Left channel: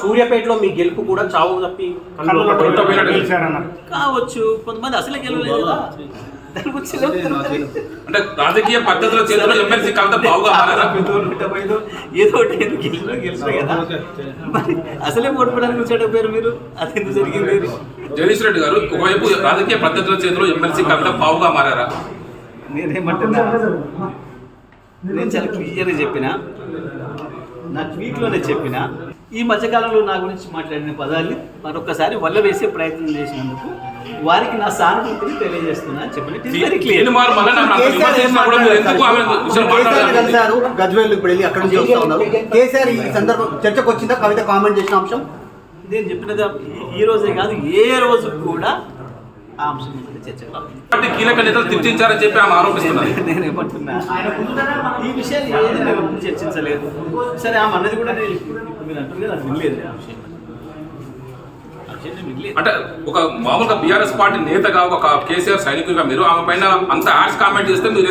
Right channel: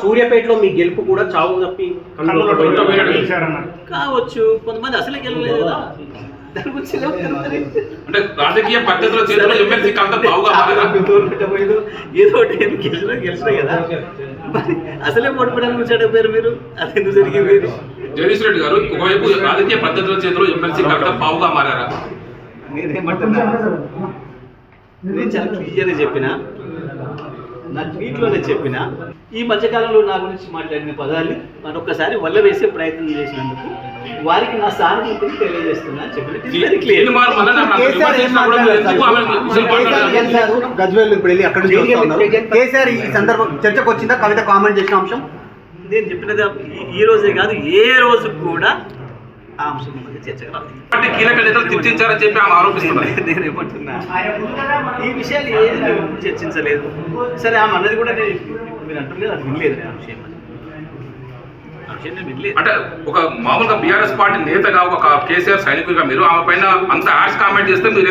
సూర్యాపేటలో మీ గెలుపు కూడా చావు తప్పి కావచ్చు, కొంతమంది అసలే గెలవలేదు కదా. దాని గురించి అంటే రాజకీయ పద్ధతిలో ఏదో ఒకటి గెలిచిన కదా, మరి అసలే ఓడిపోవడానికి కూర్చోకపోయారు మీరు. అది ఎందుకు జరిగింది? జగదీష్ రెడ్డి గారు ఒకవైపు రాజకీయ పద్ధతుల చేతిలో ఎమ్మెల్సీ కవిత పావుగా మారారా? నేనేమంటున్నా, నేను చాలా క్లియర్గా చెప్పిన, నా ట్వీట్లోనే చెప్పిన, ఈ మధ్యకాలంలో నా గురించి మాట్లాడిన పదాన్ని మరొకసారి వల్ల వేసే ప్రయత్నం చేసినందుకు వారికి నా సానుభూతిని తెలియజేస్తున్నా అని చెప్పిన. గజ్వేల్ ఇప్పుడు వెళ్ళి అక్కడ నుంచి వస్తా ఉన్నారు. కేసీఆర్ ఈ సందర్భం చర్చకు వచ్చిందా? కవిత కామెంట్ చేసిన అంశం నేను చెప్పినది ఈ రోజే కాదు, ఏ రోజు కూడా ఆ అంశం మీద చర్చకు రాలేదు. కీలక నేతలు తిట్టించారని చెప్పి ఆమె ఆరోపిస్తున్నారు. నేనేమంటున్నా, ఈ విషయాలు ఏది మేము చర్చించలేదు. సరే, ఆమె అన్నది కూడా నేను మీరు అంటుంది అది వినలేదు. ఆ విషయం వినలేదు. అంటే ఒక మామూలుగా బీఆర్ఎస్ పార్టీ నేతగా ఒక కేసీఆర్ సైనికుడిగా మీరు ఆమె పైన అంత యాడ్స్ కామెంట్ చేస్తే మీరు